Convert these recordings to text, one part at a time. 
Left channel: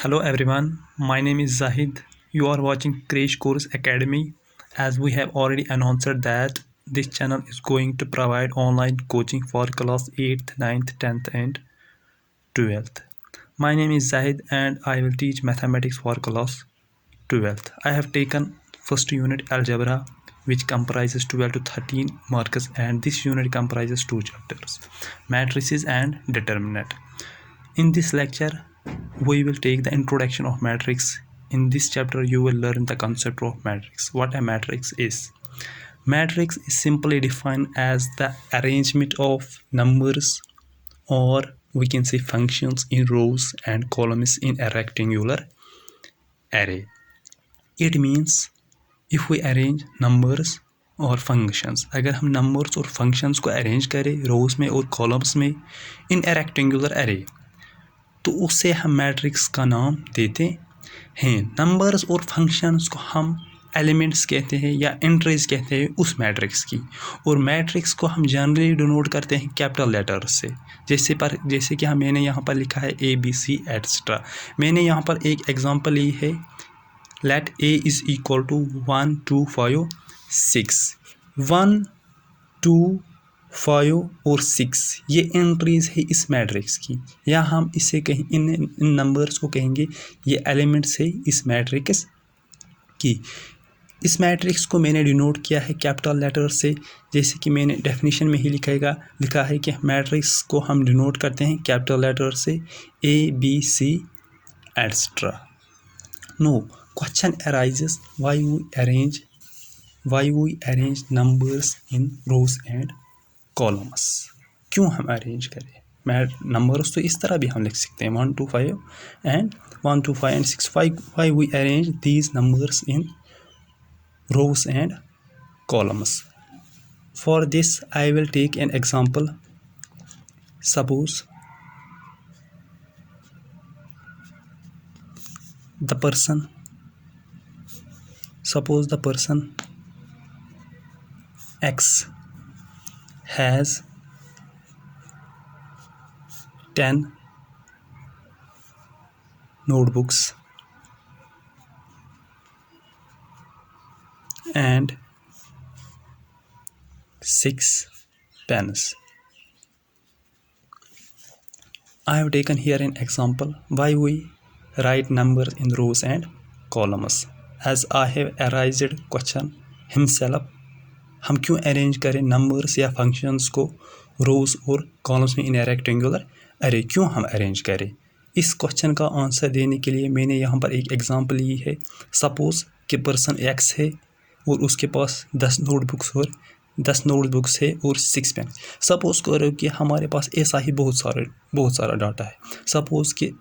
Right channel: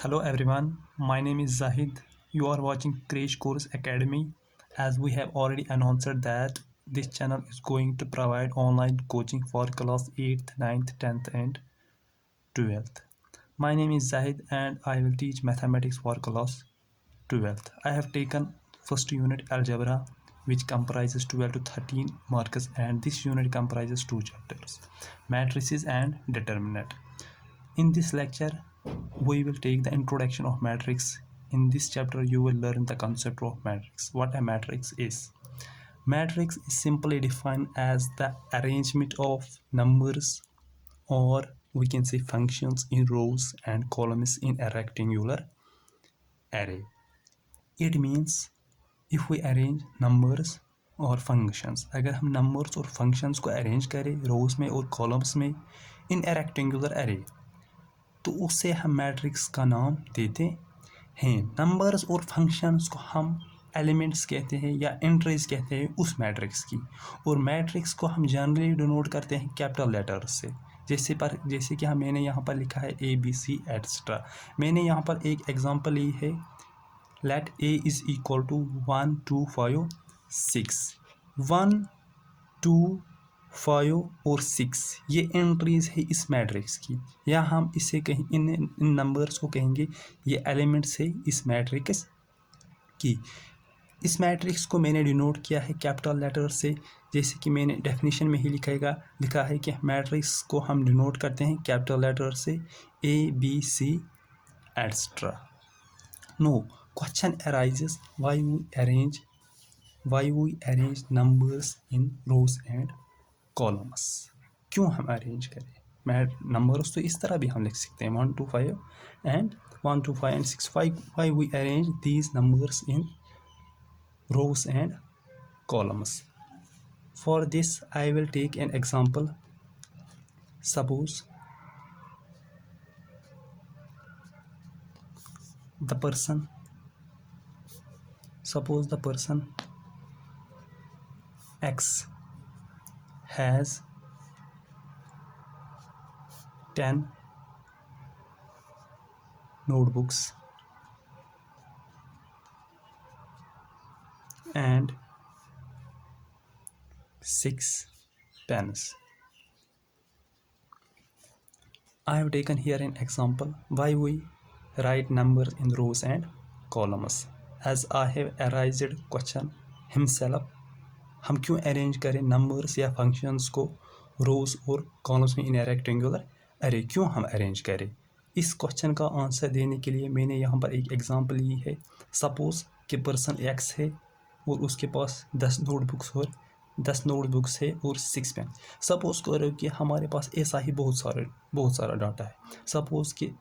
Hello everyone, my name is Zahid. You are watching Crash Course Academy. As we have already announced that this channel is going to provide online coaching for class 8th, 9th, 10th and 12th. My name is Zahid and I will teach mathematics for class 12th. I have taken first unit algebra which comprises 12 to 13 marks, and this unit comprises two chapters, matrices and determinant. In this lecture, we will take the introduction of matrix. In this chapter, you will learn the concept of matrix. What a matrix is. Matrix is simply defined as the arrangement of numbers, or we can say functions, in rows and columns in a rectangular array. It means if we arrange numbers और functions, अगर हम numbers और functions को arrange करें रोज में और columns में इन ए rectangular array, तो उससे हम मैट्रिक्स का नाम देते हैं। नंबर्स और फंक्शंस को हम एलिमेंट्स कहते हैं या एंट्रीज कहते हैं उस मैट्रिक्स की, और मैट्रिक्स को हम जनरली डिनोट करते हैं कैपिटल लेटर्स से। जैसे कि मैंने यहाँ पर लिखा है ABC एट्सेट्रा। मैंने यहाँ पर एक एग्जांपल ली है, let A is equal to 1 2 5 6। 1 2 5 और 6 ये एंट्रीज है इस मैट्रिक्स की, या हम इसे कहें इन नंबर्स को कहेंगे ये एलिमेंट्स है इस मैट्रिक्स की। इस मैट्रिक्स को मैंने डिनोट किया है कैपिटल लेटर से, जैसे कि मैंने डेफिनेशन में ही लिखा है कि मैट्रिक्स को हम डिनोट करते हैं कैपिटल लेटर से ABC etcetera. No question arises why we arrange numbers in rows and columns. क्यों हम अरेंज करें नंबर्स? तो इस तरह भी हम लिख सकते हैं 1 2 5 and 1 2 5 and 6। Why we arrange these numbers in rows and columns? For this I will take an example. Suppose the person X has 10 notebooks and 6 pens. I have taken here an example why we write numbers in rows and columns. As I have arranged question himself, हम क्यों arrange करें numbers या functions को रोज और columns में इन ए rectangular अरे? क्यों हम अरेंज करें? इस क्वेश्चन का आंसर देने के लिए मैंने यहाँ पर एक एग्जांपल ली है। सपोज कि पर्सन X है और उसके पास 10 नोटबुक्स है और 6 पेन। सपोज करो कि हमारे पास ऐसा ही बहुत सारा डाटा है। सपोज कि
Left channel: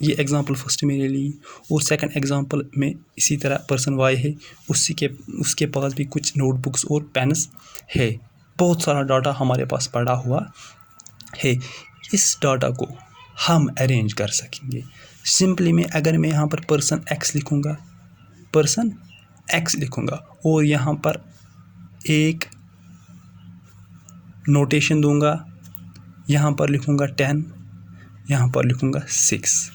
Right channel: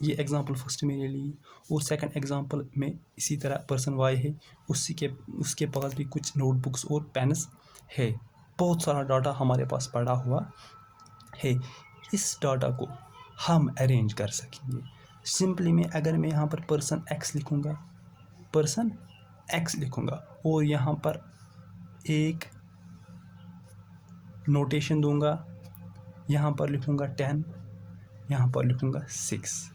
ये एग्जांपल फर्स्ट मैंने ली, और सेकंड एग्जांपल में इसी तरह पर्सन Y है, उसके पास भी कुछ नोटबुक्स और पेन्स है। बहुत सारा डाटा हमारे पास पड़ा हुआ है। इस डाटा को हम अरेंज कर सकेंगे सिंपली में, अगर मैं यहाँ पर पर्सन X लिखूँगा और यहाँ पर एक नोटेशन दूंगा, यहाँ पर लिखूँगा 10, यहाँ पर लिखूँगा 6।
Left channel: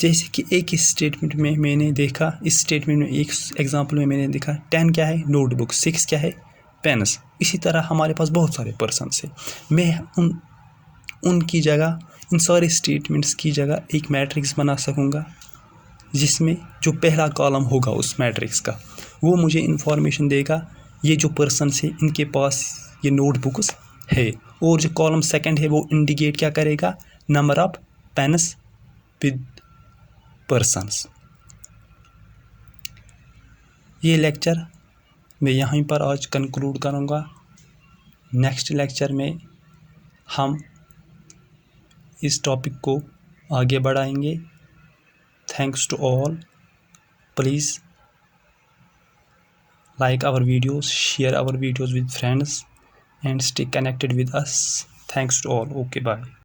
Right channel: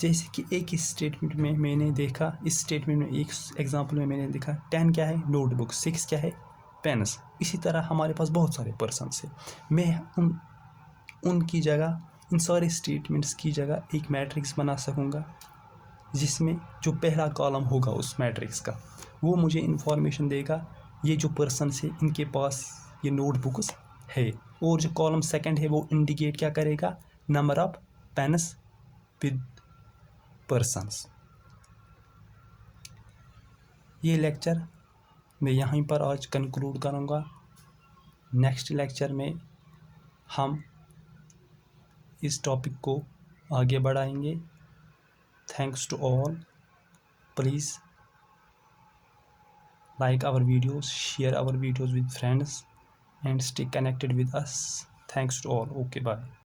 जैसे कि एक स्टेटमेंट में मैंने देखा, इस स्टेटमेंट में एक एग्जांपल में मैंने देखा 10 क्या है नोटबुक, 6 क्या है पेन्स। इसी तरह हमारे पास बहुत सारे पर्सन्स हैं। मैं उनकी जगह, इन सारे स्टेटमेंट्स की जगह एक मैट्रिक्स बना सकूँगा, जिसमें जो पहला कॉलम होगा उस मैट्रिक्स का वो मुझे इन्फॉर्मेशन देगा ये जो पर्सन्स है इनके पास ये नोटबुक्स है, और जो कॉलम सेकंड है वो इंडिकेट क्या करेगा, number of pens with persons. ये लेक्चर मैं यहीं पर आज कंक्लूड करूँगा। नेक्स्ट लेक्चर में हम इस टॉपिक को आगे बढ़ाएंगे। Thanks to all. Please like our videos, share our videos with friends and stay connected with us. Thanks to all. Okay, bye.